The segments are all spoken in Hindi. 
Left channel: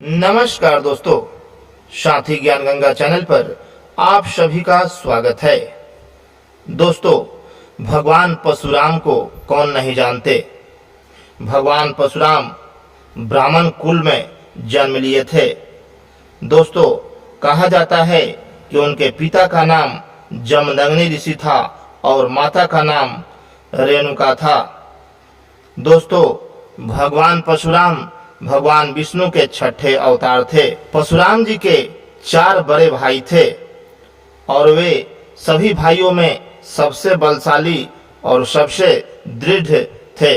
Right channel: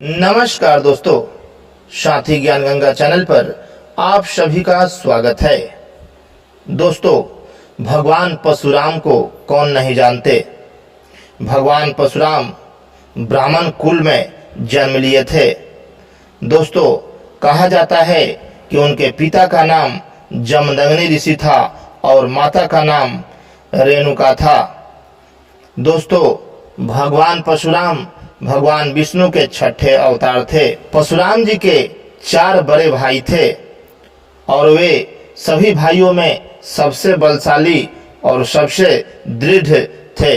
नमस्कार दोस्तों, साथी ज्ञान गंगा चैनल पर आप सभी का स्वागत है। दोस्तों, भगवान परशुराम को कौन नहीं जानते। भगवान परशुराम ब्राह्मण कुल में जन्म लिए थे। दोस्तों, कहा जाता है कि उनके पिता का नाम जमदग्नि ऋषि था और माता का नाम रेणुका था। दोस्तों, भगवान परशुराम भगवान विष्णु के छठे अवतार थे। परशुराम जी के 4 बड़े भाई थे और वे सभी भाइयों में सबसे बलशाली और सबसे दृढ़ थे।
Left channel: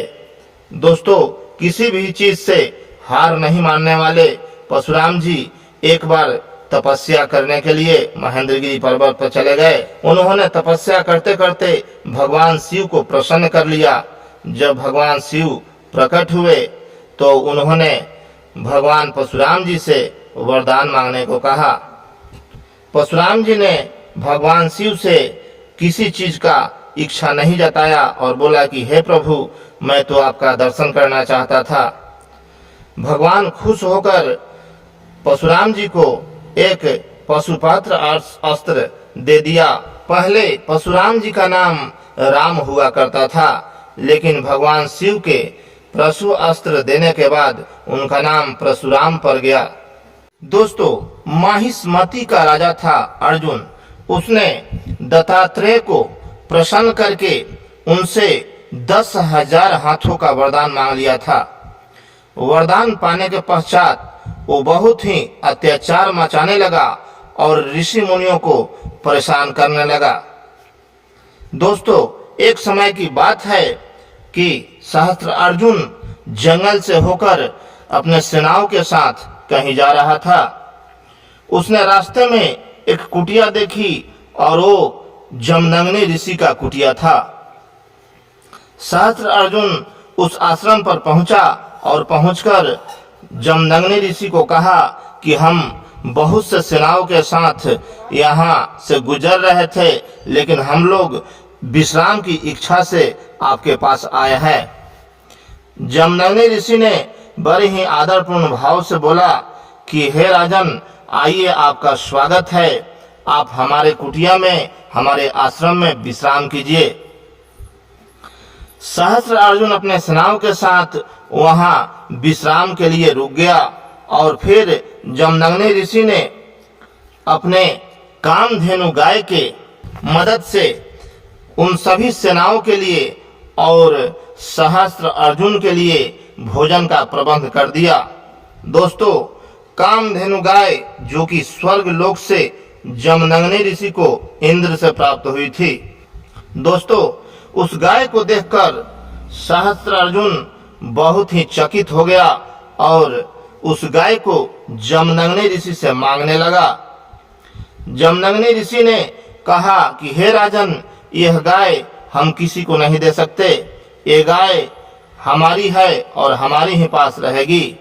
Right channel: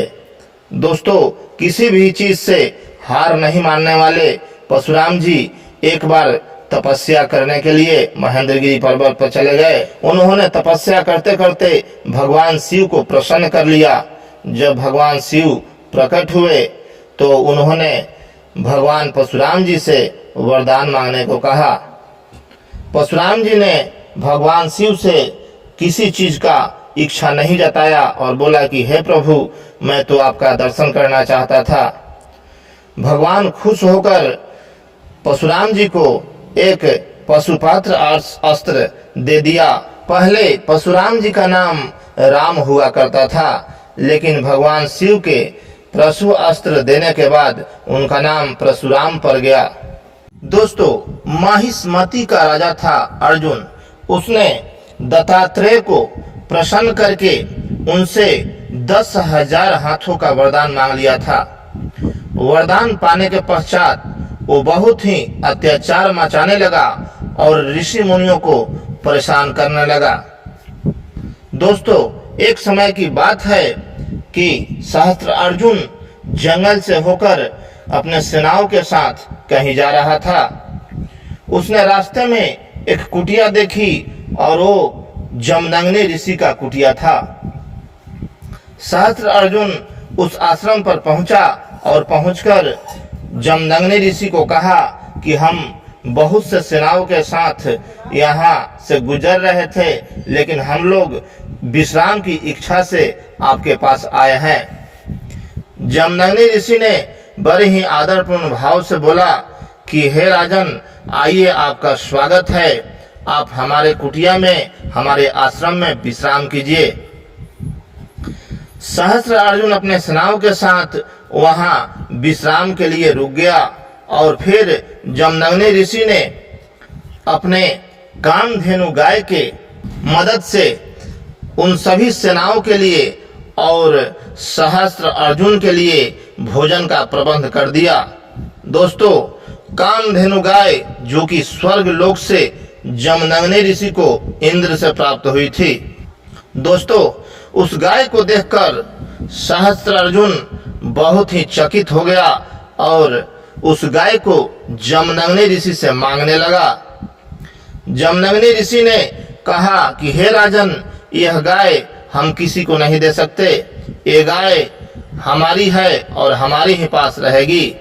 दोस्तों, किसी भी चीज से हार नहीं मानने वाले परशुराम जी एक बार तपस्या करने के लिए महेंद्रगिरी पर्वत पर चले गए। उन्होंने तपस्या करते करते भगवान शिव को प्रसन्न कर लिया। जब भगवान शिव प्रकट हुए तो उन्होंने भगवान परशुराम जी से वरदान मांगने को कहा। परशुराम जी ने भगवान शिव से किसी चीज का इच्छा नहीं जताया और बोला कि हे प्रभु, मैं तो आपका दर्शन करना चाहता था। भगवान खुश होकर परशुराम जी को एक पशुपात्र अस्त्र दे दिया। पहले परशुराम जी का नाम राम हुआ करता था, लेकिन भगवान शिव के परशु अस्त्र देने के बाद उनका नाम परशुराम पड़ गया। दोस्तों, माहिष्मति का राजा था अर्जुन। उसने दत्तात्रेय को प्रसन्न करके उनसे 10,000 हाथों का वरदान मांग लिया था। वरदान पाने के पश्चात वो बहुत ही अत्याचार मचाने लगा और ऋषि मुनियों को परेशान करने लगा। दोस्तों, एक समय की बात है कि सहस्त्र अर्जुन जंगल से होकर अपने सेनाओं के साथ कहीं जा रहा था। उसने रास्ते में एक कुटिया देखी और वो जमदग्नि ऋषि का कुटिया था। सहस्त्र अर्जुन उस आश्रम पर पहुंचा और पहुंचकर जमदग्नि ऋषि को कहा कि हम बहुत से सेनाओं के साथ यहाँ से गुजर रहे थे, लेकिन हम लोग विश्राम की इच्छा से आपके पास आए हैं। जमदग्नि ऋषि ने बड़े ही आदरपूर्ण भाव से बोला कि हे राजन, आइए, आपका स्वागत है। आप हमारे कुटिया में, हमारे आश्रम में विश्राम कीजिए। सहस्त्र अर्जुन अपने सेनाओं के साथ वहां विश्राम के लिए रुक गया और फिर जमदग्नि ऋषि ने अपने कामधेनु गाय के मदद से उन सभी सेनाओं के लिए और सहस्त्र अर्जुन के लिए भोजन का प्रबंध कर दिया। दोस्तों, कामधेनु गाय जो कि स्वर्ग लोक से जमदग्नि ऋषि को इंद्र से प्राप्त हुई थी। दोस्तों, उस गाय को देखकर सहस्त्र अर्जुन बहुत ही चकित हो गया और उस गाय को जमदग्नि ऋषि से मांगने लगा। जमदग्नि ऋषि ने कहा कि हे राजन, यह गाय हम किसी को नहीं दे सकते। ये गाय हमारी है और हमारी ही पास रहेगी।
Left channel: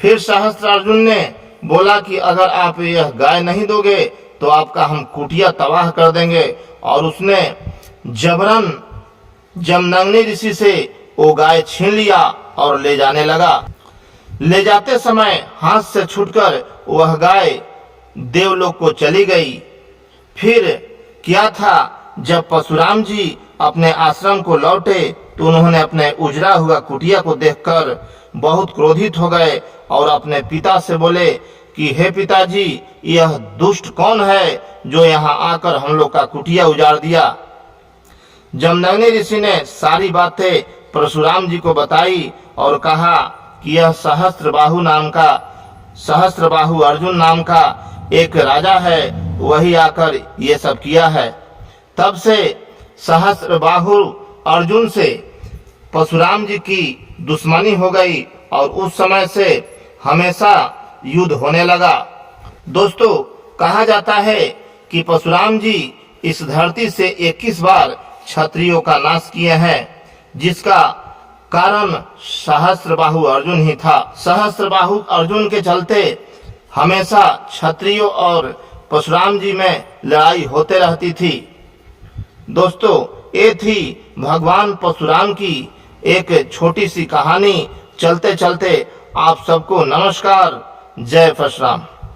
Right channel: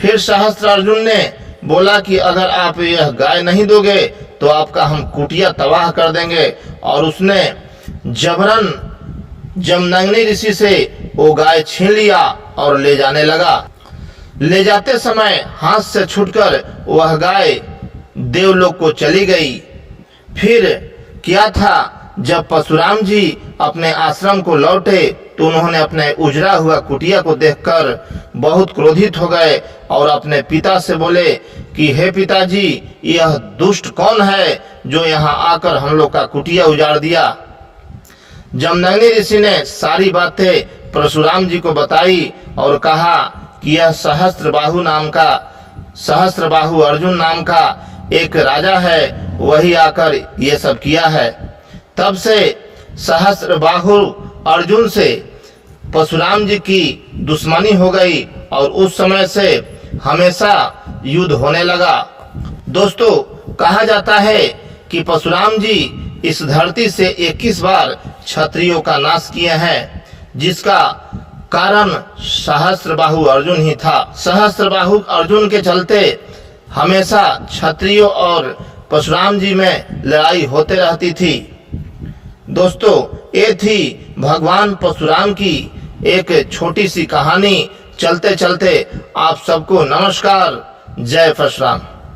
फिर सहस्त्र अर्जुन ने बोला कि अगर आप यह गाय नहीं दोगे तो आपका हम कुटिया तबाह कर देंगे, और उसने जबरन जमदग्नि ऋषि से वो गाय छीन लिया और ले जाने लगा। ले जाते समय हाथ से छूटकर वह गाय देवलोक को चली गई। फिर क्या था, जब परशुराम जी अपने आश्रम को लौटे तो उन्होंने अपने उजड़ा हुआ कुटिया को देखकर बहुत क्रोधित हो गए और अपने पिता से बोले कि हे पिताजी, यह दुष्ट कौन है जो यहाँ आकर हम लोग का कुटिया उजाड़ दिया। जमदग्नि ऋषि ने सारी बातें परशुराम जी को बताई और कहा कि यह सहस्त्रबाहु अर्जुन नाम का एक राजा है, वही आकर ये सब किया है। तब से सहस्त्रबाहु अर्जुन से परशुराम जी की दुश्मनी हो गई और उस समय से हमेशा युद्ध होने लगा। दोस्तों, कहा जाता है कि परशुराम जी इस धरती से 21 बार क्षत्रियों का नाश किए हैं, जिसका कारण सहस्त्रबाहु अर्जुन ही था। सहस्त्रबाहु अर्जुन के चलते हमेशा क्षत्रियों और परशुराम जी में लड़ाई होते रहती थी। दोस्तों, ये थी भगवान परशुराम की एक छोटी सी कहानी। चलते चलते आप सबको नमस्कार। जय परशुराम।